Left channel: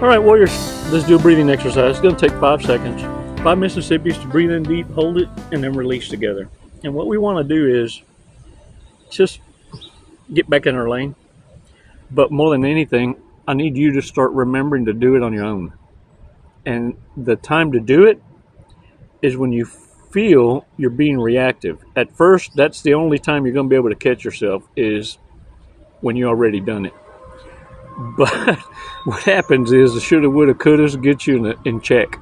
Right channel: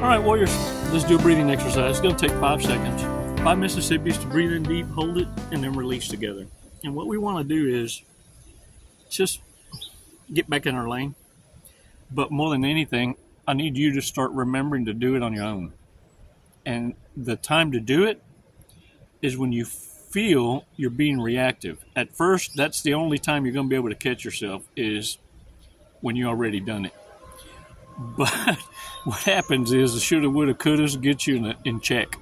All right, warriors, let's do a breathing exercise. It's going to take 5 seconds. 5 Mississippis to breathe in deep, hold it, and then release together. And what we want to do is just get back in our lane. But more than anything, I need you to start remembering to do it on your own. And the time to do it is when you feel you're being reactive. At first, that's the only time you're going to be able to catch yourself is when you already done it. But what happens is the shoulda, woulda, couldas get you in check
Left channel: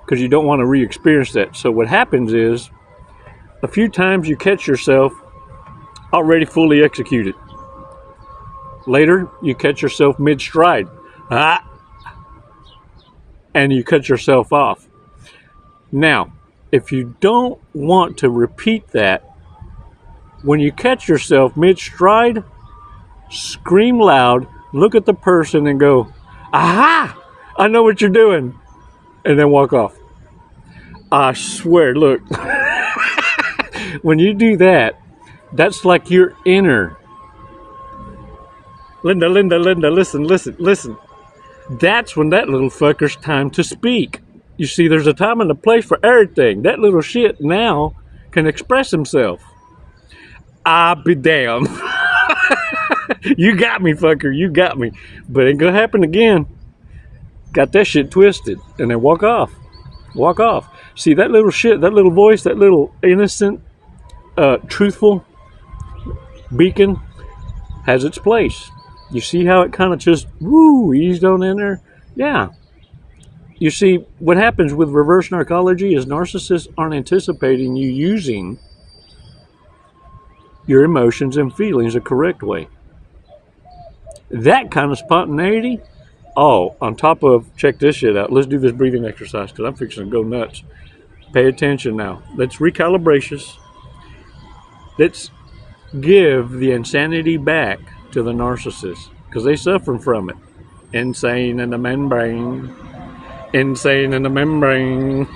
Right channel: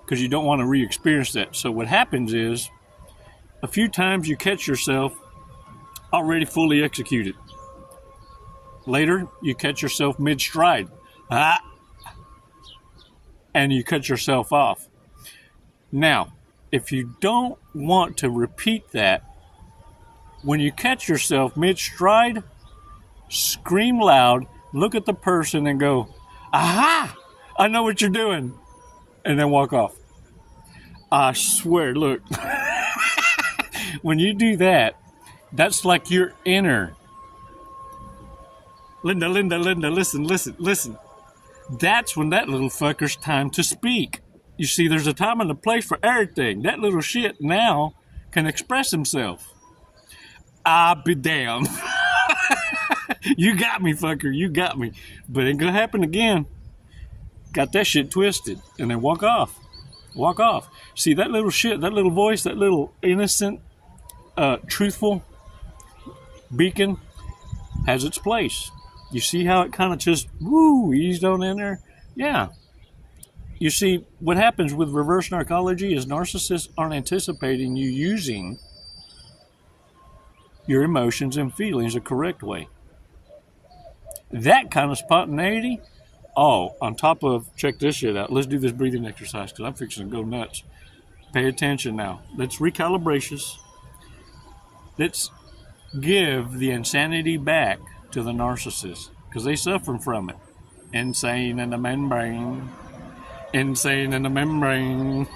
because you don't want to re-experience that. So what happens is a few times you catch yourself already fully executed. Later, you catch yourself mid-stride. And you cut yourself off. Now, if you don't want to repeat that, when you catch yourself mid-stride, scream loud, look at the person and go, aha, I know what you're doing. And then walk off. I swear, look, when you do that, that's like your inner. Linda, listen. That's when that little fucker's time to speak. You see, there's a time and a place for everything. That little shit now can express himself. I'll be damned. You got me, fucker. You got me. But it ain't gonna happen again. Got that shit twisted. And then walk off. Walk off. See, that little shit, that little voice, that little innocent, truthful beacon has its place. You see how it kind of just, eased on in there? Yeah. You see, what happens with reverse narcology is narcissists aren't anticipating you using your emotions and feelings the correct way. That kind of spontaneity, on top of, check this shit out. Let's do this breathing exercise because I'm fixing to go nuts. Pay attention now. Let's recalibrate. Let's give the insanity back to the narcissist because they suffer from it. Insane in the membrane. Insane in the membrane.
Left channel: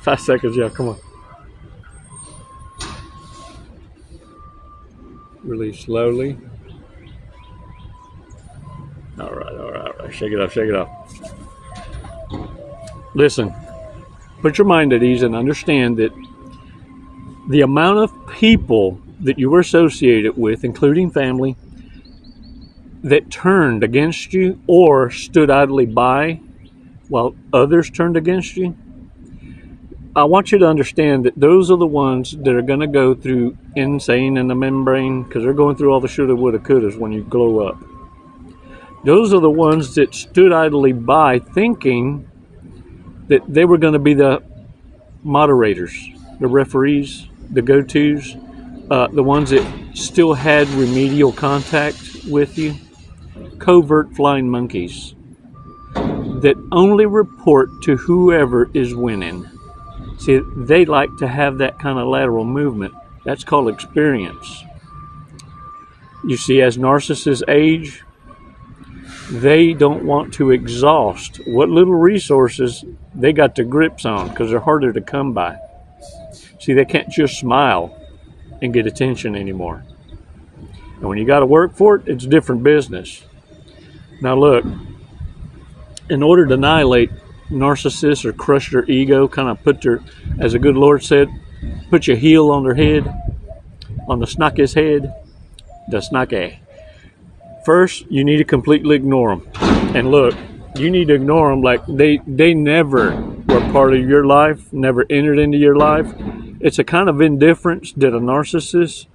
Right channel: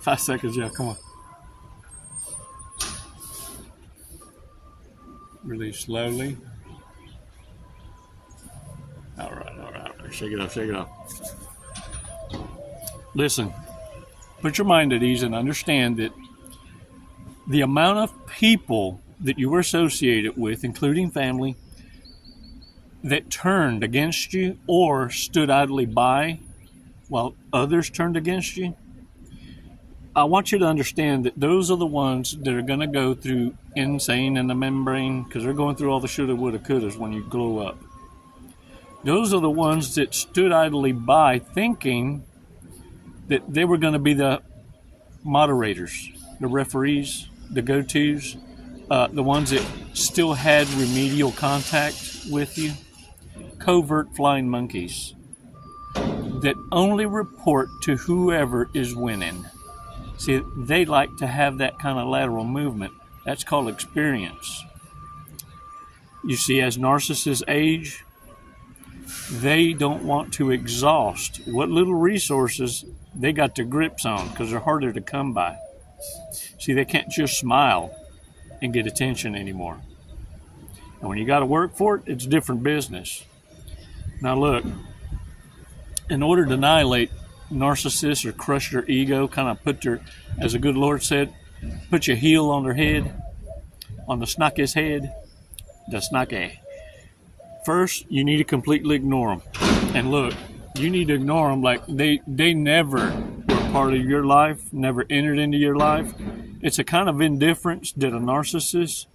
5 seconds, y'all. Come on. Release slowly. All right. Shake it off. Listen, put your mind at ease and understand that the amount of people that you were associated with, including family, that turned against you or stood idly by while others turned against you, I want you to understand that those are the ones that are going to go through insane in the membrane because they're going through all the shoulda, woulda, couldas when you glow up. Those are the ones that stood idly by thinking that they were going to be the moderators, the referees, the go-tos, the ones that still had remedial contact with you, covert flying monkeys that only report to whoever is winning. See, they like to have that kind of lateral movement. That's called experience. You see, as narcissists age, they don't want to exhaust what little resources they got their grips on because they're harder to come by. See, they can't just smile and get attention anymore. And when you got to work for it, it's different business. Now look, in order to annihilate narcissists or crush their ego, kind of put their, as the good Lord said, put your heel on their head, on the snocky's head, the snaky. First, you need to completely ignore them. And look, you need to ignore them like they never were part of your life, never entered into your life. It's a kind of indifference that a narcissist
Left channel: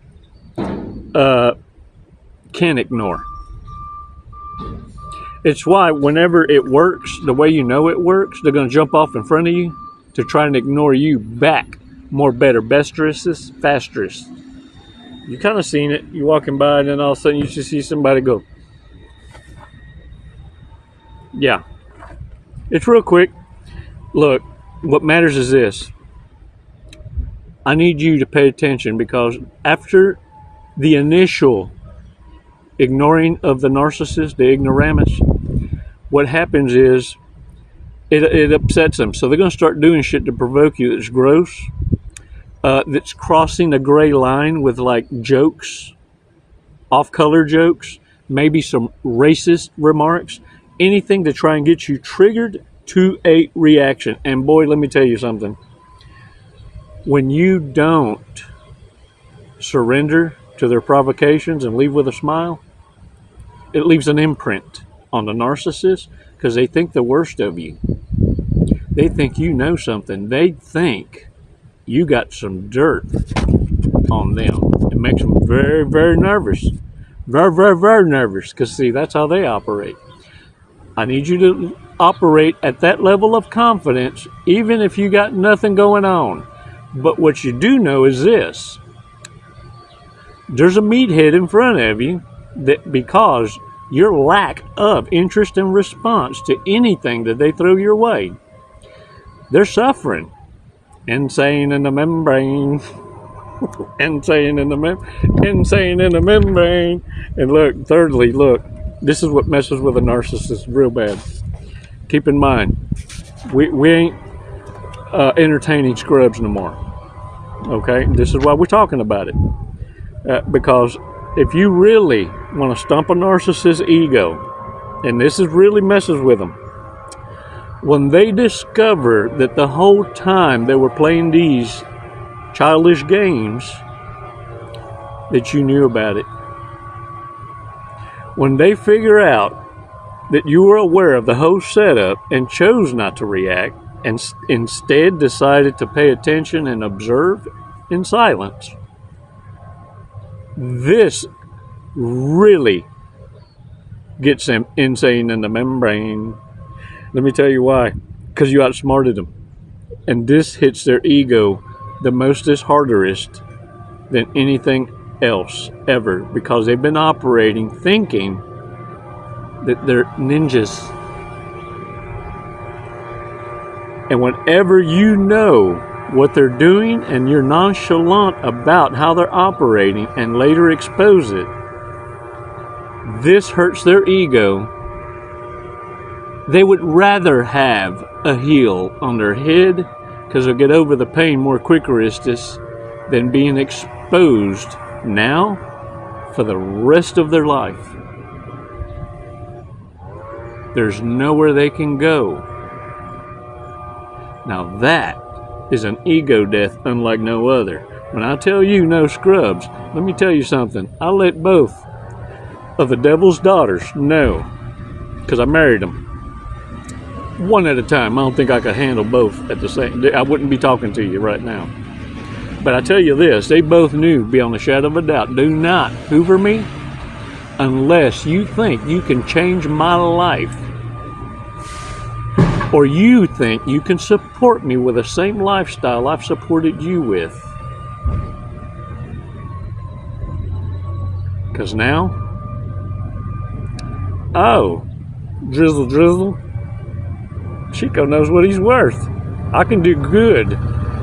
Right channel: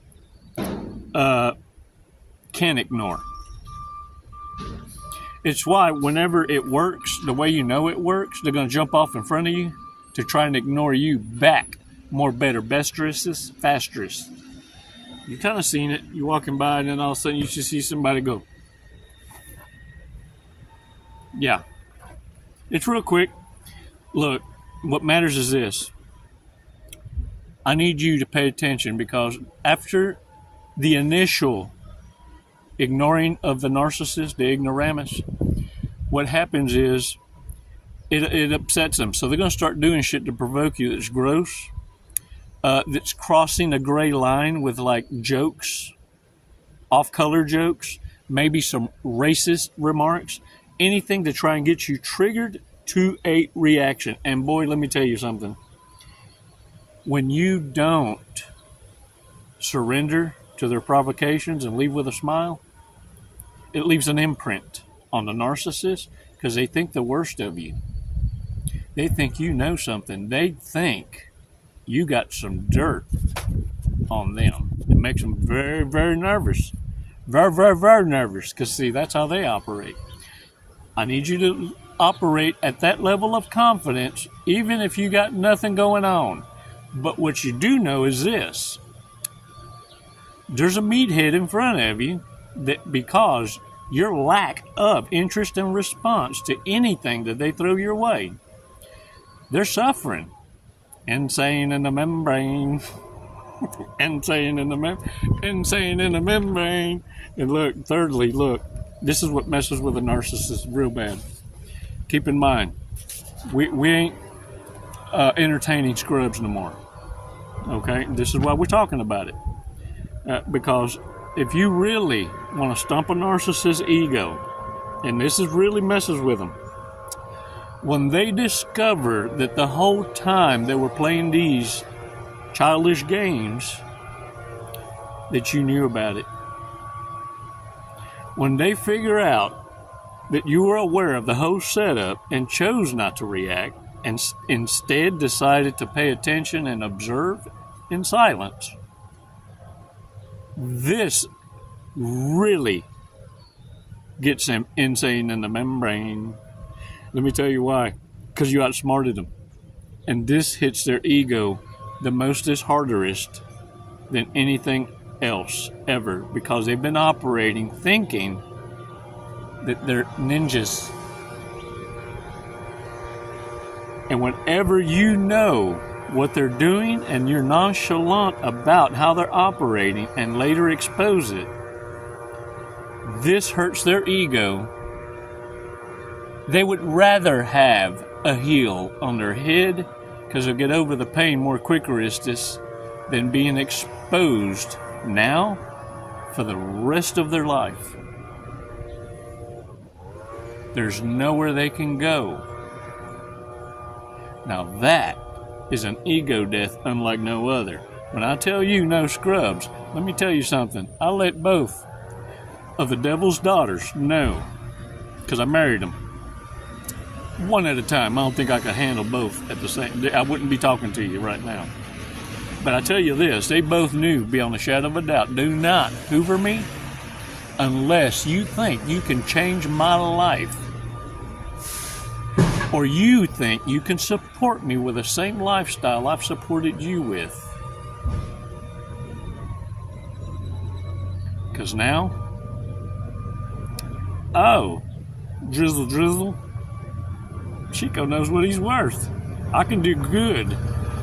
can't ignore. It's why whenever it works, the way you know it works, they're going to jump off in front of you to try and ignore you back. More, better, besterest, fasterest. You kind of seen it. You're walking by and then all of a sudden you just see somebody go. Yeah. It's real quick. Look, what matters is this. I need you to pay attention because after the initial ignoring of the narcissist, the ignoramus, what happens is it upsets them. So they're going to start doing shit to provoke you that's gross, that's crossing a gray line with like jokes, off-color jokes maybe some racist remarks, anything to try and get you triggered to a reaction. And boy, let me tell you something. When you don't surrender to their provocations and leave with a smile, it leaves an imprint on the narcissist because they think the worst of you. They think you know something. They think you got some dirt on them. It makes them very, very nervous. Very, very, very nervous because, see, that's how they operate. I need you to operate at that level of confidence even if you got nothing going on. But what you do know is this. There's a meathead in front of you that because your lack of interest and response to anything that they throw your way, they're suffering. Insane in the membrane. Insane in the membrane. And look, thirdly, this is what messes with a narcissist real bad. Keep in mind, we ain't entertaining scrubs no more. Okay? This is why we're talking about it. Because if you really want to stomp a narcissist's ego, and this is really messes with them, when they discover that the whole time they were playing these childish games, that you knew about it, when they figure out that you were aware of the whole setup and chose not to react and instead decided to pay attention and observe in silence, this really gets them insane in the membrane. Let me tell you why. Because you outsmarted them. And this hits their ego the mostest hardest than anything else ever. Because they've been operating thinking that they're ninjas. And whenever you know what they're doing and you're nonchalant about how they're operating and later expose it, this hurts their ego. They would rather have a heel on their head because they'll get over the pain more quicker than being exposed now for the rest of their life. There's nowhere they can go. Now that is an ego death unlike no other. When I tell you no scrubs, let me tell you something. I let both of the devil's daughters know because I married them. One at a time. I don't think I could handle both at the same. I wouldn't be talking to you right now. But I tell you this, they both knew beyond a shadow of a doubt, do not hoover me unless you think you can change my life. Or you think you can support me with the same lifestyle I've supported you with. Because now, drizzle, Chico knows what he's worth. I can do good,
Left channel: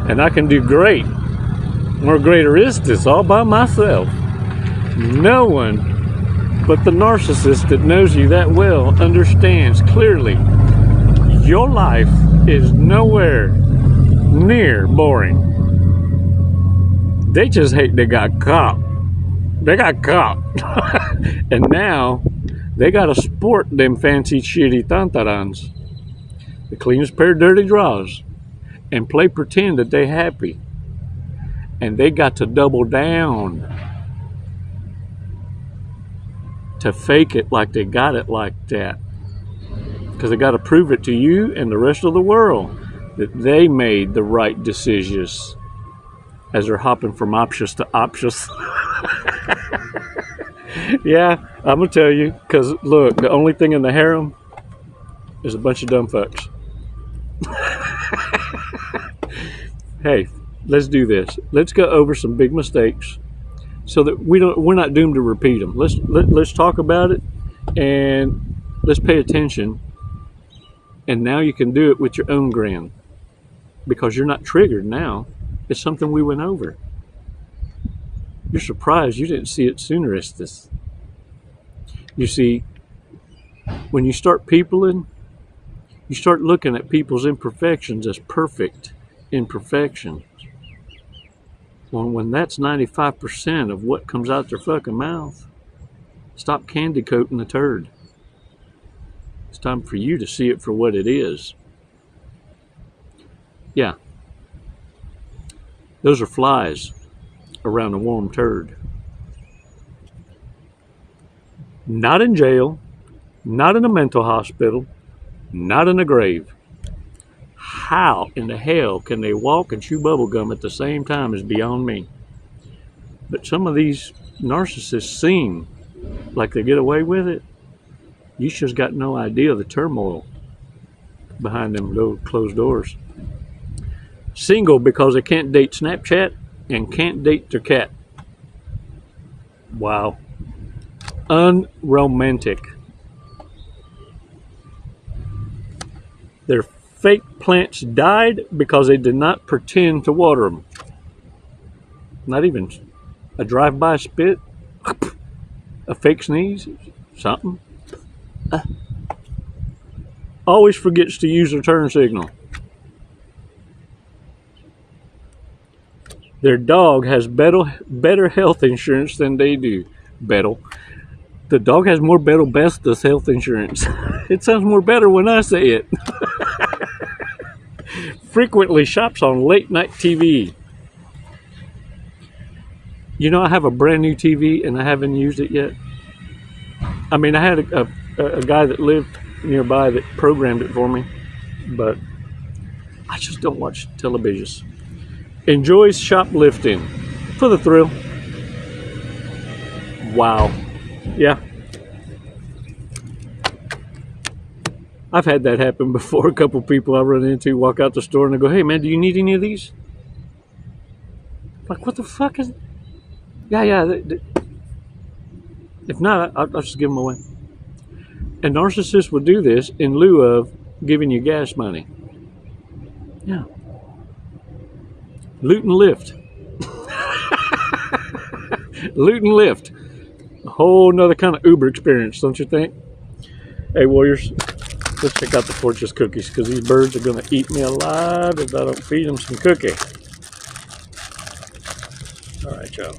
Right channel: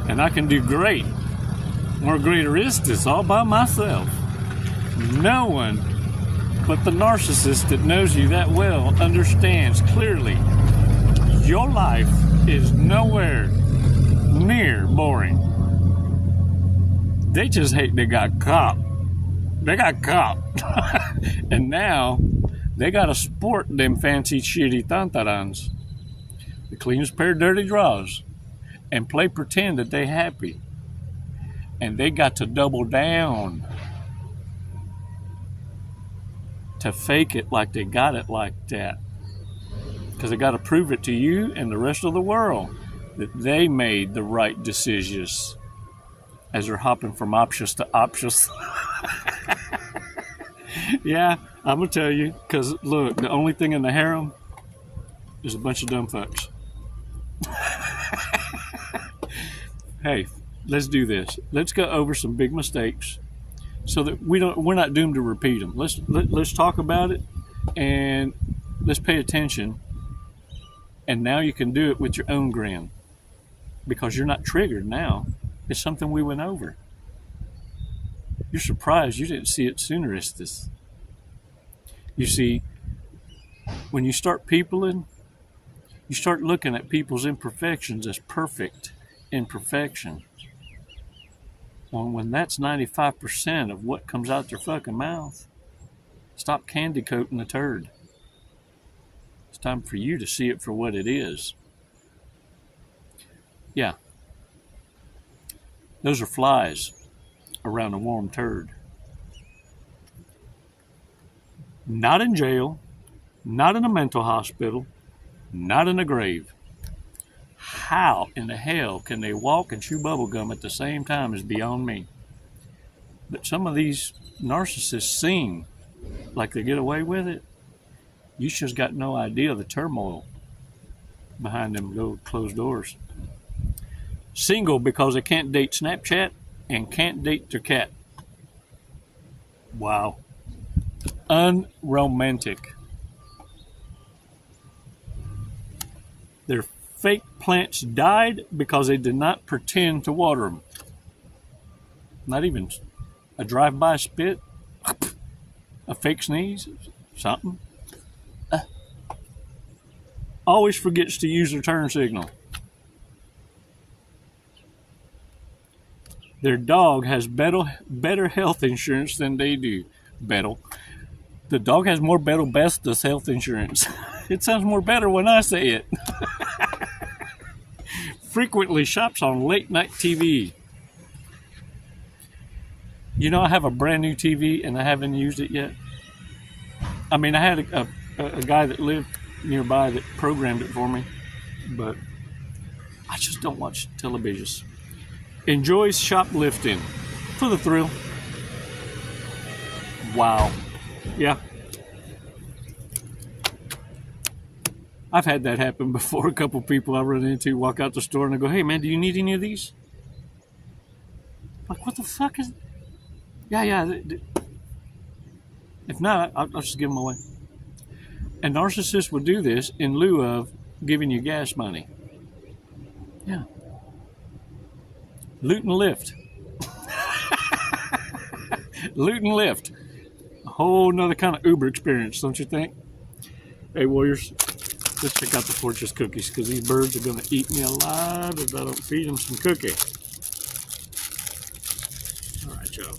and I can do great. More greater is this all by myself. No one but the narcissist that knows you that well understands clearly your life is nowhere near boring. They just hate they got caught. They got caught. And now they got to sport them fancy shitty tantarans, the cleanest pair of dirty drawers, and play pretend that they happy. And they got to double down to fake it like they got it like that. Because they got to prove it to you and the rest of the world that they made the right decisions as they're hopping from options to options. Yeah, I'm going to tell you, because look, the only thing in the harem is a bunch of dumb fucks. Hey, let's do this. Let's go over some big mistakes so that we're not doomed to repeat them. Let's talk about it and let's pay attention. And now you can do it with your own grin because you're not triggered now. It's something we went over. You're surprised you didn't see it sooner, Estes. You see, when you start peopling, you start looking at people's imperfections as perfect imperfections. Well, when that's 95% of what comes out their fucking mouth, Stop candy coating the turd. It's time for you to see it for what it is. Yeah. Those are flies around a warm turd. Not in jail, not in a mental hospital, not in a grave. How in the hell can they walk and chew bubblegum at the same time is beyond me. But some of these narcissists seem like they get away with it. You just got no idea of the turmoil behind them little closed doors. Single because they can't date Snapchat and can't date their cat. Wow. Unromantic. Their fake plants died because they did not pretend to water them. Not even a drive-by spit, a fake sneeze, something. Always forgets to use their turn signal. Their dog has better health insurance than they do. Better. The dog has more better bestest health insurance. It sounds more better when I say it. Frequently shops on late night TV. You know, I have a brand new TV and I haven't used it yet. I mean, I had a guy that lived nearby that programmed it for me, but I just don't watch television. Enjoys shoplifting for the thrill. Wow. Yeah. I've had that happen before. A couple people I run into walk out the store and I go, "Hey man, do you need any of these?" Like, what the fuck is... Yeah. If not, I'll just give them away. And narcissists will do this in lieu of giving you gas money. Yeah. Loot and lift. Loot and lift. A whole nother kind of Uber experience, don't you think? Hey, warriors, let's check out the Fortress cookies because these birds are going to eat me alive if I don't feed them some cookie. All right, y'all.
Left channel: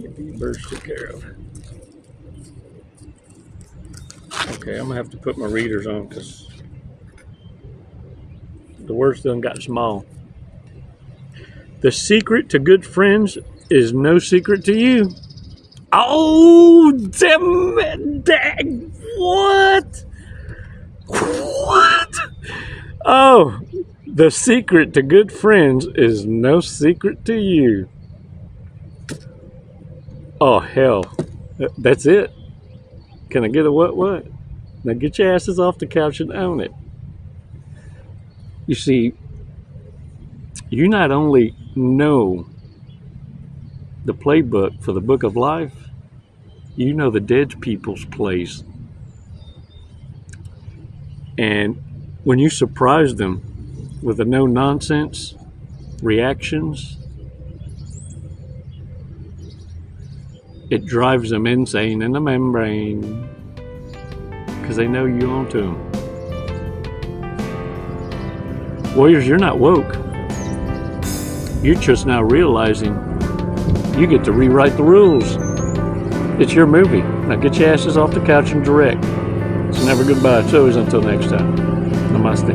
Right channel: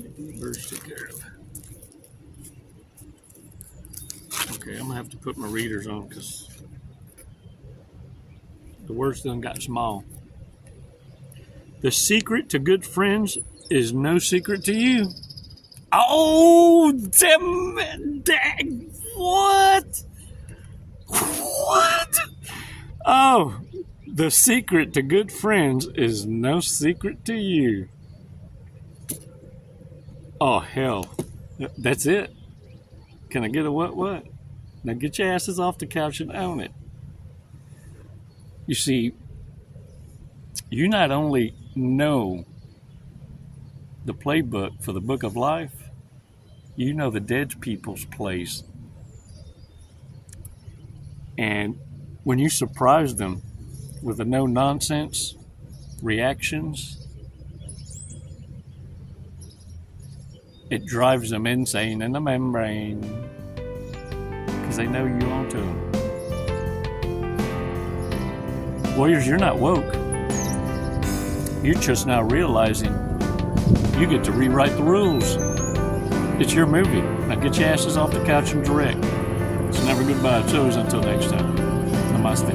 Get these birds took care of. Okay, I'm going to have to put my readers on because the words done got small. The secret to good friends is no secret to you. Oh, damn, what? What? Oh, the secret to good friends is no secret to you. Oh, hell. That's it. Can I get a what? Now get your asses off the couch and own it. You see, you not only know the playbook for the book of life, you know the dead people's place. And when you surprise them with the no-nonsense reactions, it drives them insane in the membrane because they know you onto them. Warriors, you're not woke. You're just now realizing you get to rewrite the rules. It's your movie. Now get your asses off the couch and direct. It's never goodbye. It's always until next time. Namaste.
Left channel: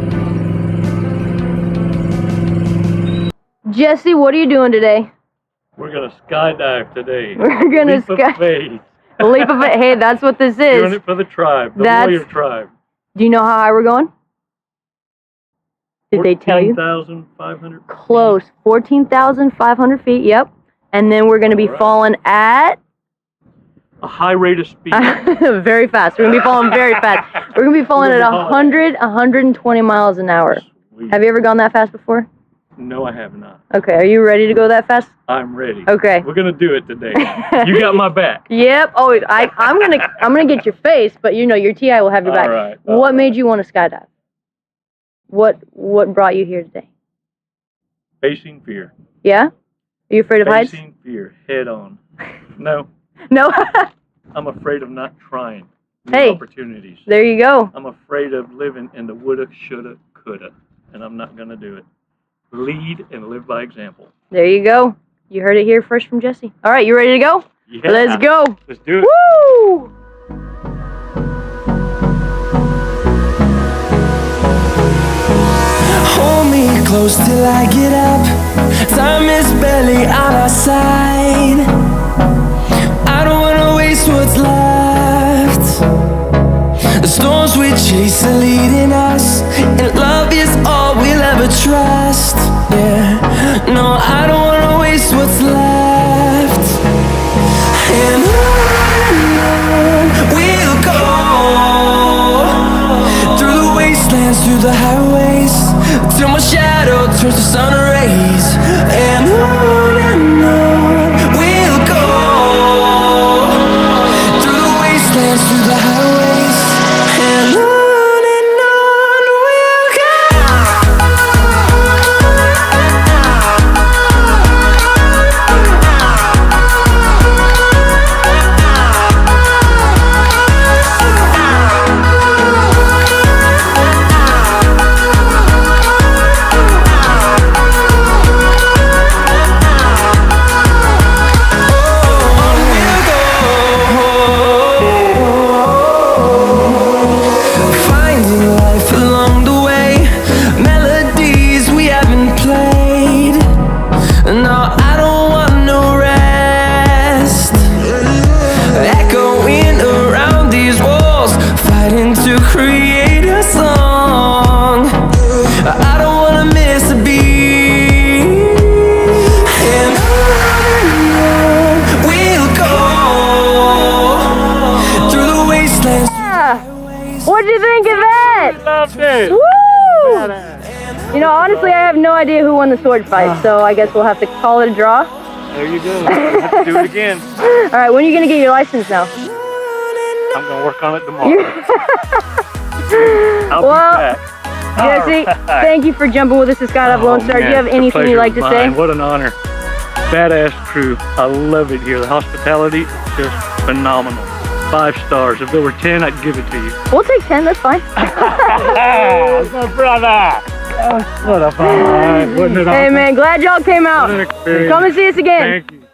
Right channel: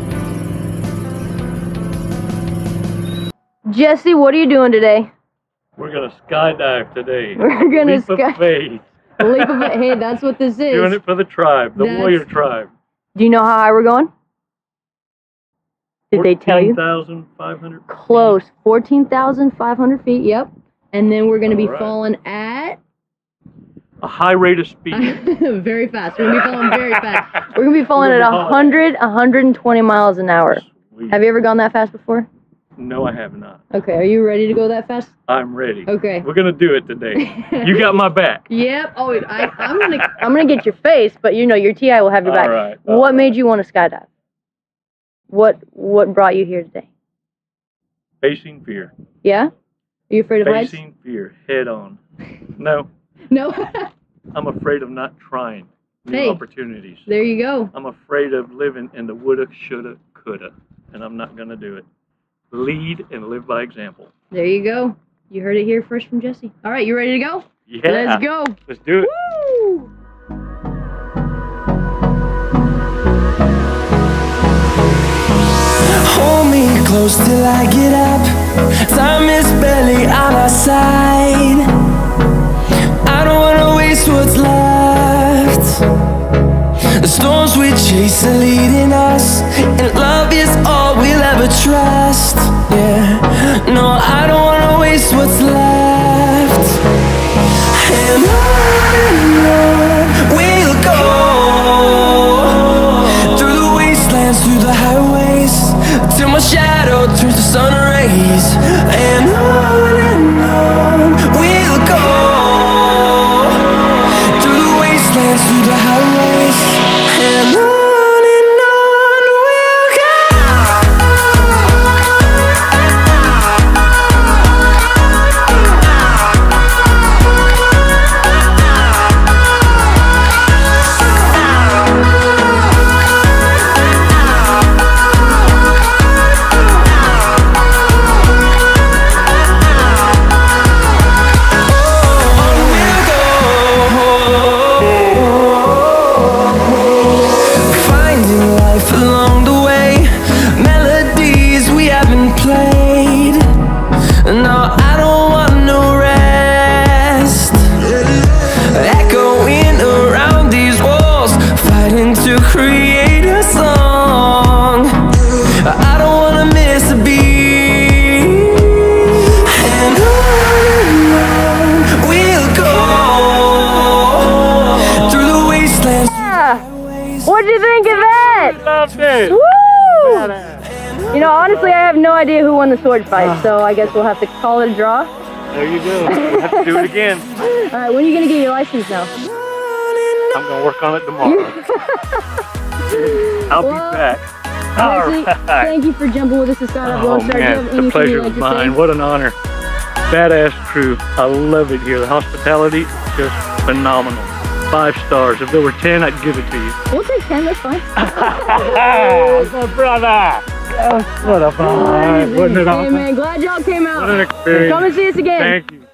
Jesse, what are you doing today? We're going to skydive today. We're going to skydive. A leap of faith. Hey, that's what this is. Doing it for the tribe, the warrior tribe. Do you know how high we're going? Did they tell you? 14,500 feet. Close. 14,500 feet, yep. And then we're going to be falling at... a high rate of speed. Very fast. We're going to be falling very fast. We're going to be falling at 120 miles an hour. Sweet. Have you ever gone that fast before? No, I have not. Okay, are you ready to go that fast? I'm ready. Okay. We're going to do it today. You got my back. Yep. Oh, I'm gonna get your face, but you know your TI will have your back. All right. What made you want to skydive? What brought you here today? Facing fear. Yeah? Are you afraid of heights? Facing fear head on. No. No. I'm afraid of not trying new opportunities. There you go. I'm afraid of living in the woulda, shoulda, coulda, and I'm not going to do it. Lead and live by example. There you go. You heard it here first from Jesse. All right, you ready to go? Yeah. Let's go. Let's do it. Woo! Hold me close till I get up. Time is barely on our side. I don't wanna waste what's left. The storms we chase are leading us, and love is all we'll ever trust. Yeah, no, I don't wanna waste what's left. And on we'll go, through the wastelands, through the highways, till my shadow turns to sun rays. And on we'll go, through the wastelands, through the highways, and on we'll go. Along the way, melodies we haven't played. No, I don't want no rest. Echoing around these walls, fighting to create a song. I don't wanna miss a beat. And on we'll go, through the wastelands. What'd you think of that? Loved it. Woo! You know, honestly, I have no idea who won the sword fight, so I guess we'll have to call it a draw. There you go. We'll have to do it again. All right, when are you gonna get your license now? I'm gonna work on it tomorrow. I'll be back. Jesse, thank you for jumping with us to Skydiving Lone Star. Do you have anything you'd like to say? What an honor. Badass crew. I love it here. The hospitality is just phenomenal. 5 stars. If there were 10, I'd give it to you. We'll take 10, that's fine. My brother. What a fun. Wasn't it awesome? Hey man, glad y'all came out. What an experience. Come and see us again. Thank you.